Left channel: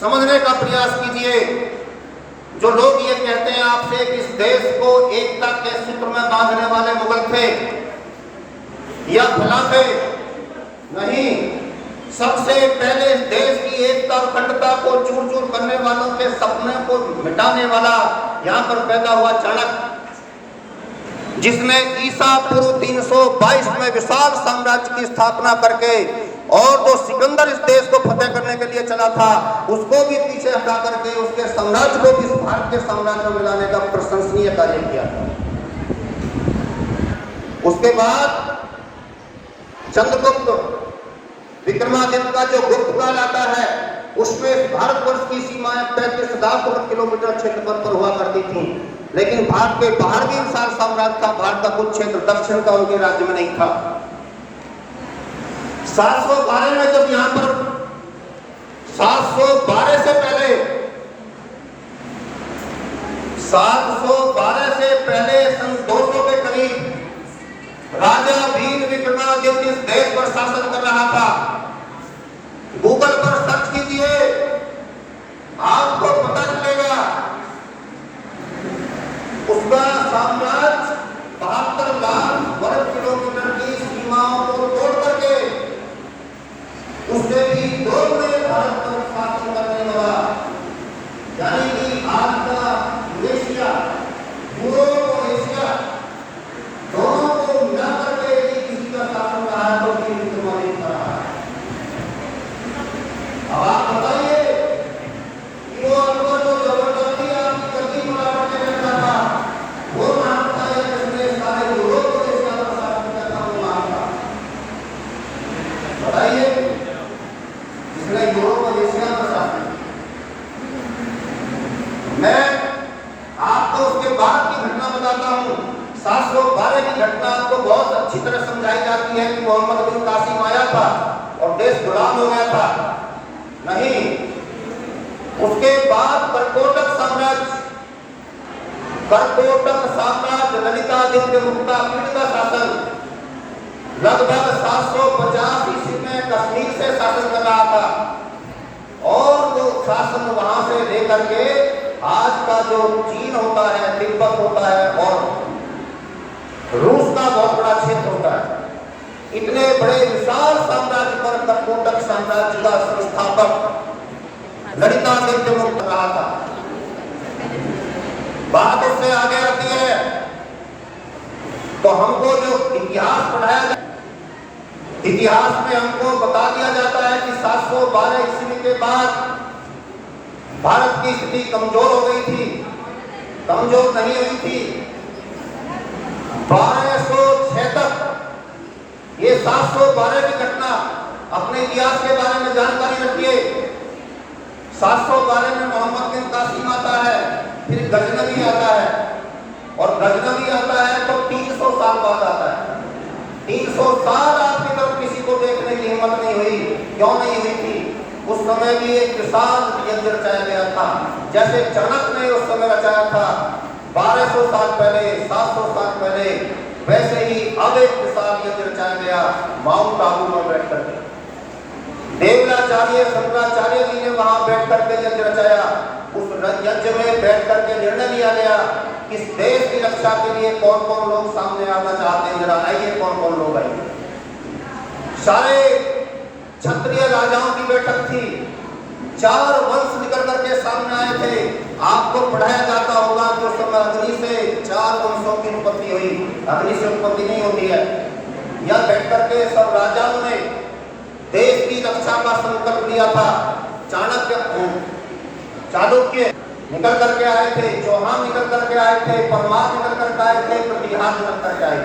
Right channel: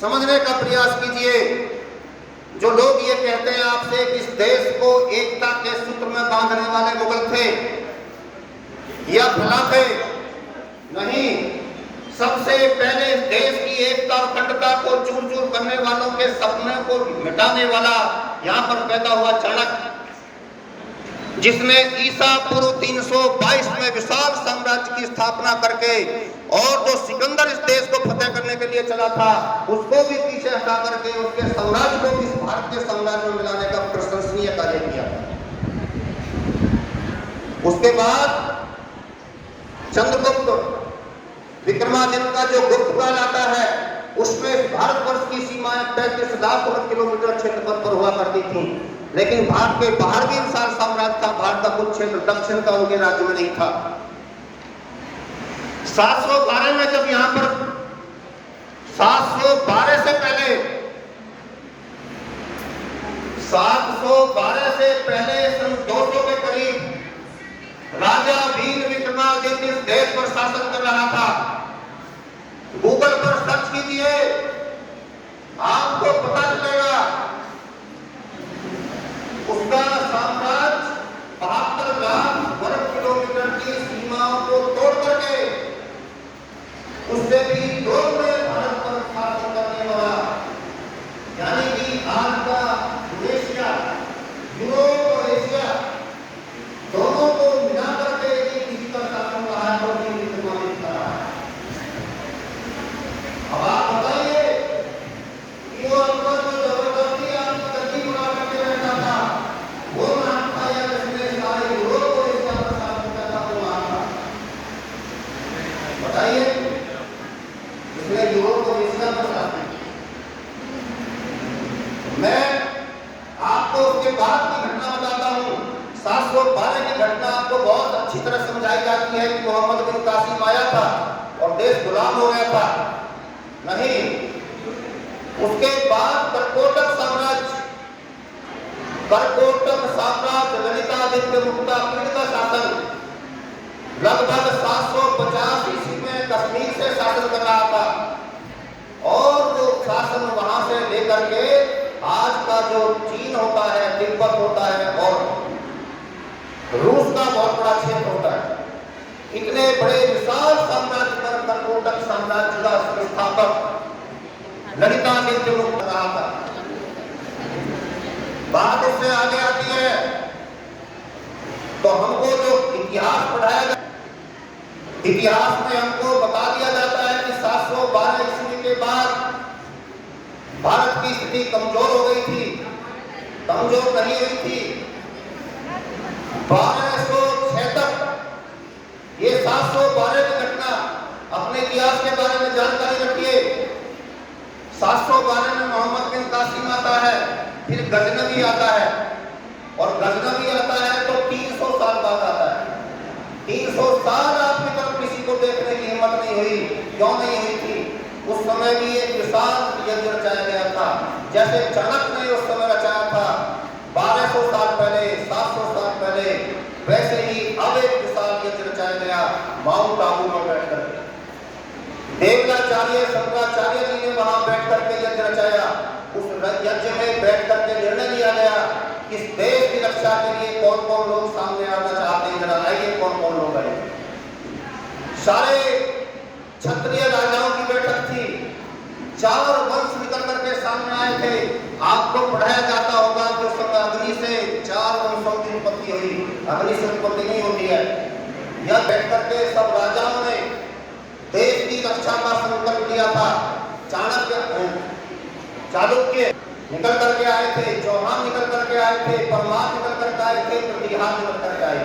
समझने का प्रयास कीजिए। जो लोग ये कहते हैं आपसे कि इस देश को एकता के सूत्र में बांधने वाले मुगल थे या फला थे, नहीं, सबसे पहले इस देश की एकता और अखंडता को चूर चूर करने वालों के सपने को मिटाने वाला यहाँ पर पैदा हुआ चाणक्य, जिसने ईसा पूर्व 322 में विशाल साम्राज्य की स्थापना करके और जो सिकंदर इस देश को फतेह करने के लिए चला था उसको भी पीछे हटा करके उसके साम्राज्य को भी भारत के साम्राज्य में मिलाने का प्रशंसनीय कार्य किया। उसके बाद चंद्रगुप्त विक्रमादित्य का जो गुप्त काल आता है उसमें भारतवर्ष की सीमाएं 35,000 किलोमीटर क्षेत्रफल पर हुआ करती थी, लेकिन भारत के बाहर भी विशाल साम्राज्य था। भारत का कुछ क्षेत्र दक्षिण का उनके राज्य में नहीं था। 712 में जब यहां पर 712 से पहले 712 से पहले सन 200 के करीब राजा भीम विक्रमादित्य इस देश पर शासन कर रहा था। गूगल पर सर्च कीजिए, आपको पता चलेगा उसका साम्राज्य 72 लाख वर्ग किलोमीटर की सीमाओं को तोड़ करके उससे भी दो में भारत पर शासन करने लगा। यानी कि आज का एशिया, यूरोप और एशिया दोनों को मिला करके यदि किसी का शासन रहा है तो भी विक्रमादित्य का रहा है। अब आप बताइए वो अनुभव जो जबरदस्ती आपकी गति बना करके रहता था वो नाम था या जिसने सारे यूरोप को एशिया पर शासन करता हुआ था? बताइए, जिसने यूरोप और एशिया पर शासन। मैं आपको उसके बाद की घटना बताता हूँ। 712 की घटना आपको बहुत अच्छी तरह समझाई जाती है कि मोहम्मद बिन कासिम आया था और देश गुलाम हो गया था। नहीं, उसके बाद करकोटक साम्राज्य ललितादित्य मुक्ता का शासन लगभग 750 ईस्वी में कश्मीर से शासन कर रहा था और वो शासन वहां से लेकर के आज का जो चीन होता है, तिब्बत होता है और रूस का बहुत बड़ा क्षेत्र होता है, इतने बड़े विशाल साम्राज्य पर करकोटक साम्राज्य का संस्थापक ललितादित्य मुक्त रहा था। बात उससे आगे आती है तो हमको जो इतिहास पढ़ाया, इतिहास में हमको बता दिया जाता है कि 712 ईस्वी के बाद भारत की स्थिति कमजोर हो गई थी, कमजोर नहीं हुई थी। 1206 तक ये 712 की घटना, अपने इतिहास के बारे में जानकारी रखिए। 712 में मोहम्मद बिन कासिम आता है, फिर गजनवी आता है और गजनवी आता है तो 300 साल बाद आता है। 300 साल आपकी तरफ किसी को देखने की हिम्मत नहीं हुई। क्यों नहीं हुई थी? उस समय भी एक विशाल यज्ञ रचाया गया था, जैसे चाणक्य ने उस समय रचाया था 1200 साल पहले, 700 साल पहले, वैसे ही अब एक विशाल यज्ञ रचाया गया माउंट आबू में बैठ करके। देवलाचार्य शंकराचार्य जी ने वहां बैठ करके यज्ञ रचाया। उस यज्ञ में बैठ करके निर्णय लिया गया कि इस देश की रक्षा के लिए कौन कौन लोग सामने आना चाहते हैं, आइए कौन कौन लोग आए। सारे क्षत्रिय राजाओं की बैठक थी, 4 वंश निकल करके सामने आए थे। आपको पढ़ाया जाता होगा तो समय अग्नि से 4 वंशों की उत्पत्ति हुई, अग्नि से उत्पत्ति नहीं होती है। यह बैठ करके सब राजाओं ने देश की रक्षा का संकल्प लिया था। चाणक्य निकल करके आए थे, चौहान निकल करके आए थे, परमार निकल करके आए थे, प्रतिहार निकल करके आए थे।